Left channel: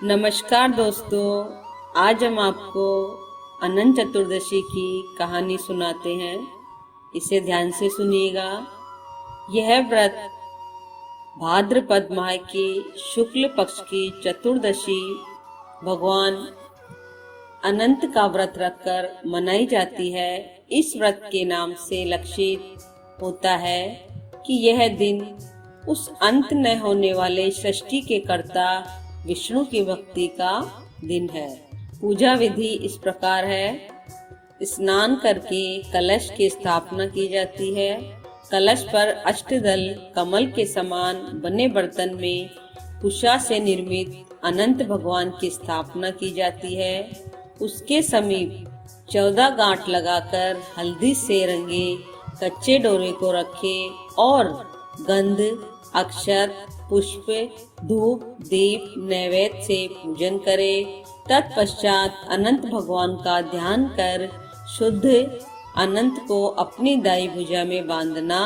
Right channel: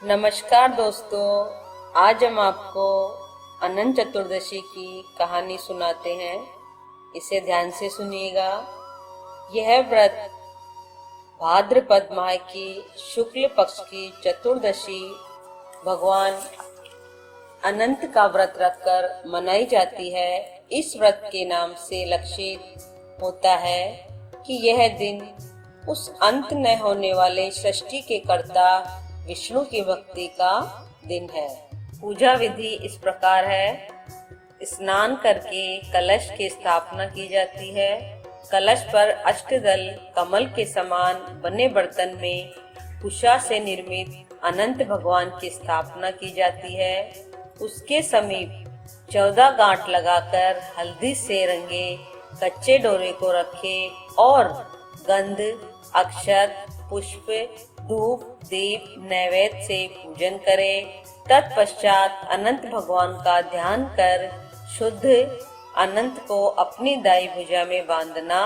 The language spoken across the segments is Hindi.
नमस्कार दोस्तों, आज हम आपको अनंत चतुर्दशी की कहानी सुनाते हैं। इसे ध्यान से सुनिएगा। यह व्रत भाद्रपद माह की शुक्ल पक्ष की चतुर्दशी भगवान अनंत का व्रत रखकर मनाई जाती है। इस व्रत के नाम से लक्षित होता है कि यह दिन उस अंत न होने वाले सृष्टि के कर्ता विष्णु की भक्ति का दिन है। पूजा विधि इस प्रकार है। स्नान करके कलश की स्थापना की जाती है। कलश पर अष्टदल कमल के समान बने बर्तन में कुशा से निर्मित अनंत भगवान की स्थापना की जाती है। उसके समीप 14 गांठ लगाकर हल्दी से रंगे कच्चे डोरे को रखे और गंध, अक्षत, पुष्प, धूप, दीप, नैवेद्य से पूजन करे। तत्पश्चात अनंत भगवान का ध्यान कर शुद्ध अनंत को अपनी दाई भुजा में बांधना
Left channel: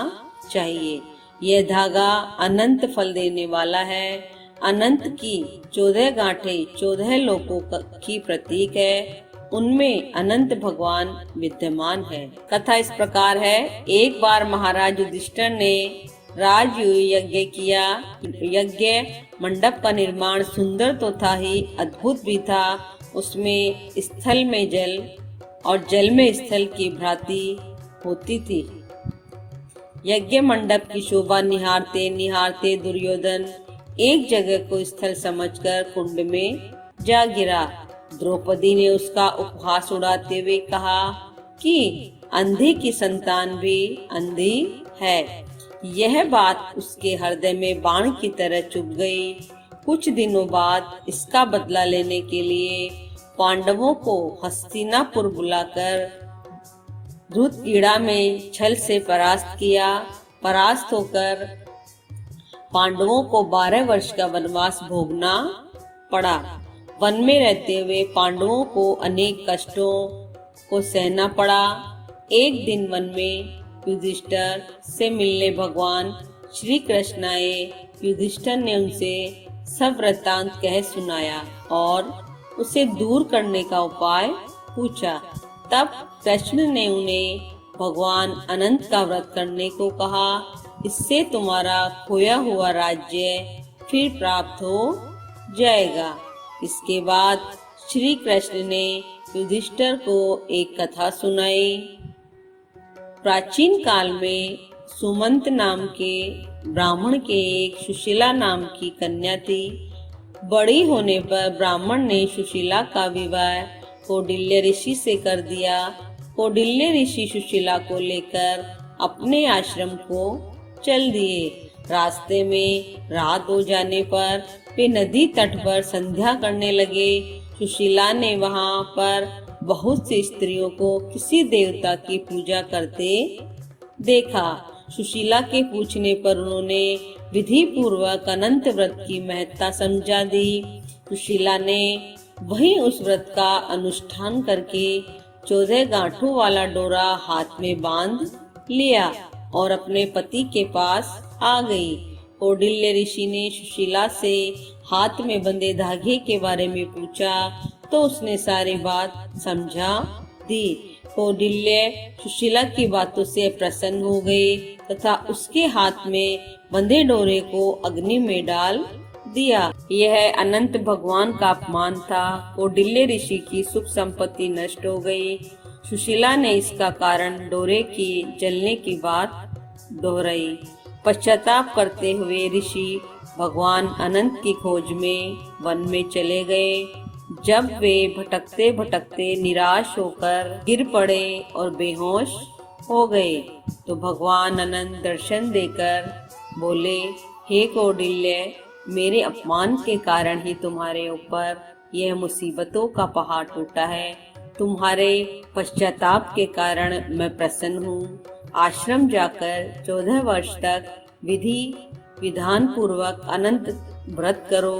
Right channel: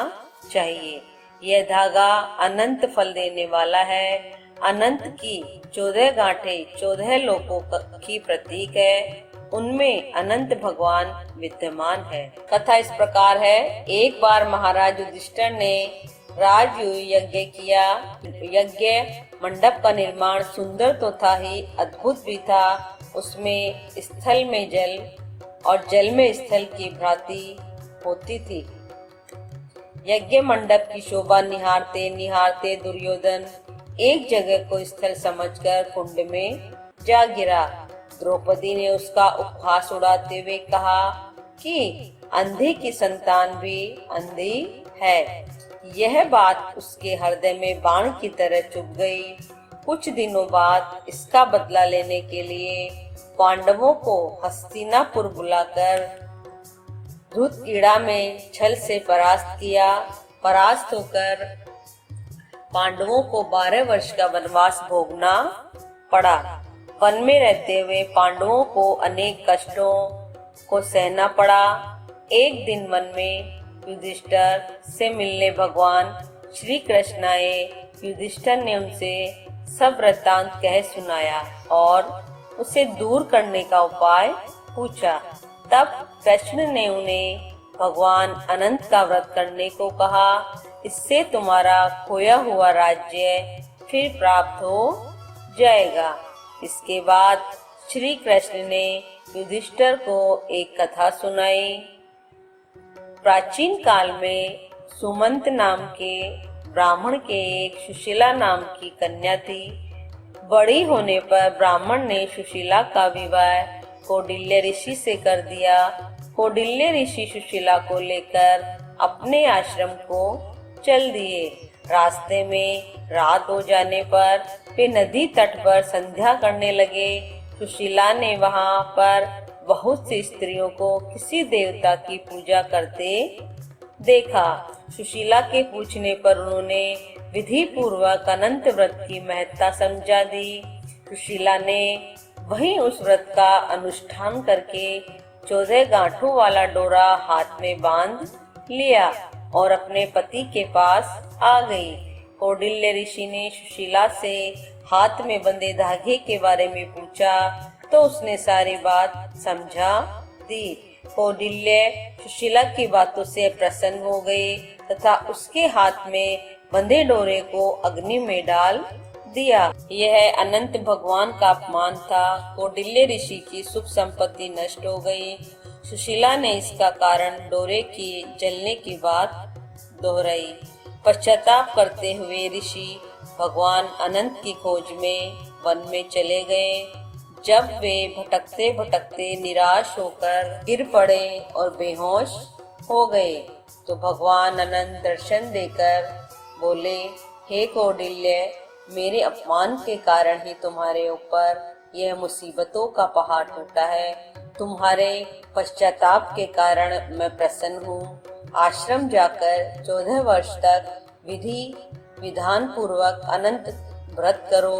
चाहिए। यह धागा अनंत फल देने वाला है। अनंत की 14 गांठें 14 लोकों की प्रतीक है। उनमें अनंत भगवान विद्यमान है। कथा इस प्रकार है। एक बार महाराज युधिष्ठिर ने राजसूय यज्ञ किया। यज्ञ मंडप का निर्माण सुंदर तो था ही, अद्भुत भी था। उसमें स्थल में जल और जल में स्थल की भ्रांति होती थी। यज्ञ मंडप की शोभा निहारते निहारते दुर्योधन एक जगह को स्थल समझकर कुंड में जा गिरा। द्रौपदी ने उसका उपहास उड़ाते हुए कहा कि अंधी की संतान भी अंधी है। यह बात उसके हृदय में बाण की तरह चुभ गई। कुछ दिनों बाद इसका बदला लेने के लिए पांडवों को हस्तिनापुर बुलाकर धृतकीड़ा में छल से परास्त किया। परास्त होकर पांडवों को 12 वर्ष का वनवास भोगना पड़ा। वन में रहते हुए पांडवों को अनेक कष्टों को सहना पड़ा। एक दिन वन में युधिष्ठिर से मिलने भगवान श्री कृष्ण आए। युधिष्ठिर ने उनसे सब वृत्तांत कह सुनाया और उसे दूर करने का उपाय पूछा। तब कृष्ण ने उन्हें भगवान अनंत का व्रत करने को कहा। इससे तुम्हारा खोया हुआ राज्य फिर प्राप्त हो जाएगा। इसके बाद श्री कृष्ण ने युधिष्ठिर को एक कथा सुनाई। प्राचीन काल में सुमंत नाम के ब्राह्मण के एक सुशीला नाम की कन्या थी। बड़ी होने पर ब्राह्मण ने सुशीला का विवाह कौंडिल्य ऋषि से कर दिया। कौंडिल्य ऋषि सुशीला को लेकर अपने आश्रम को चल दिए। रास्ते में रात हो जाने पर वे नदी तट पर संध्या करने लगे। सुशीला ने वहां पर बहुत सी स्त्रियों को किसी देवता की पूजा करते देखा। सुशीला के पूछने पर उन्होंने विधि पूर्वक अनंत व्रत की महत्ता समझा दी। सुशीला ने वहीं उस व्रत का अनुष्ठान करके 14 गांठों वाला डोरा हाथ में बांध लिया और अपने पति के पास आ गई। कौंडिल्य ऋषि ने सुशीला से हाथ में बंधे धागे के बारे में पूछा तो उसने सारी बात समझा दी। कौंडिल्य सुशीला की बातों से प्रसन्न हो गए तथा उसके हाथ में बंधे डोरे को अग्नि में डाल दिया। यह अनंत भगवान का अपमान था। कौंडिल्य ऋषि की सुख संपत्ति नष्ट हो गई। सुशीला ने इसका कारण डोरे की जलने की बात दोहराई। पश्चाताप करते हुए ऋषि भगवान अनंत की खोज में वन में चले गए। जब वे भटकते भटकते निराश होकर गिर पड़े और बेहोश हो गए तो भगवान अनंत दर्शन देकर बोले, हे कौंडिल्य, मेरे अपमान के कारण ही तुम्हारे ऊपर यह मुसीबतों का पहाड़ टूटा है। तुम्हारे पश्चाताप के कारण मैं प्रसन्न हूँ। आश्रम जाकर 14 वर्ष तक विधि विधान पूर्वक अनंत व्रत करो।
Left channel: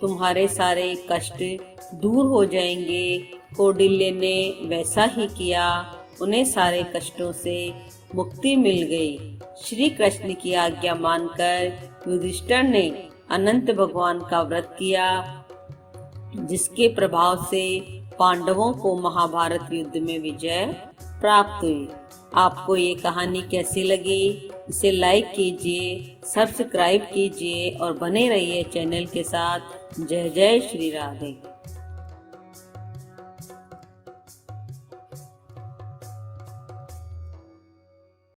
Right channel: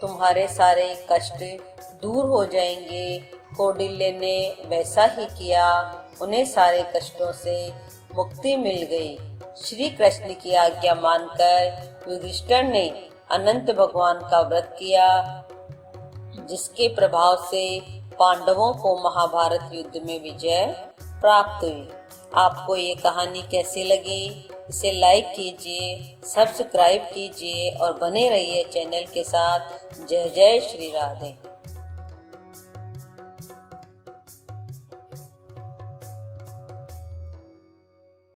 तुम्हारे सारे कष्ट दूर हो जाएंगे। कौंडिल्य ने वैसा ही किया। उन्हें सारे कष्टों से मुक्ति मिल गई। श्री कृष्ण की आज्ञा मानकर युधिष्ठिर ने अनंत भगवान का व्रत किया। जिसके प्रभाव से पांडवों को महाभारत युद्ध में विजय प्राप्त हुई। आपको ये कहानी कैसी लगी? इसे लाइक कीजिए, सब्सक्राइब कीजिए और बने रहिए चैनल के साथ। जय जय श्री राधे।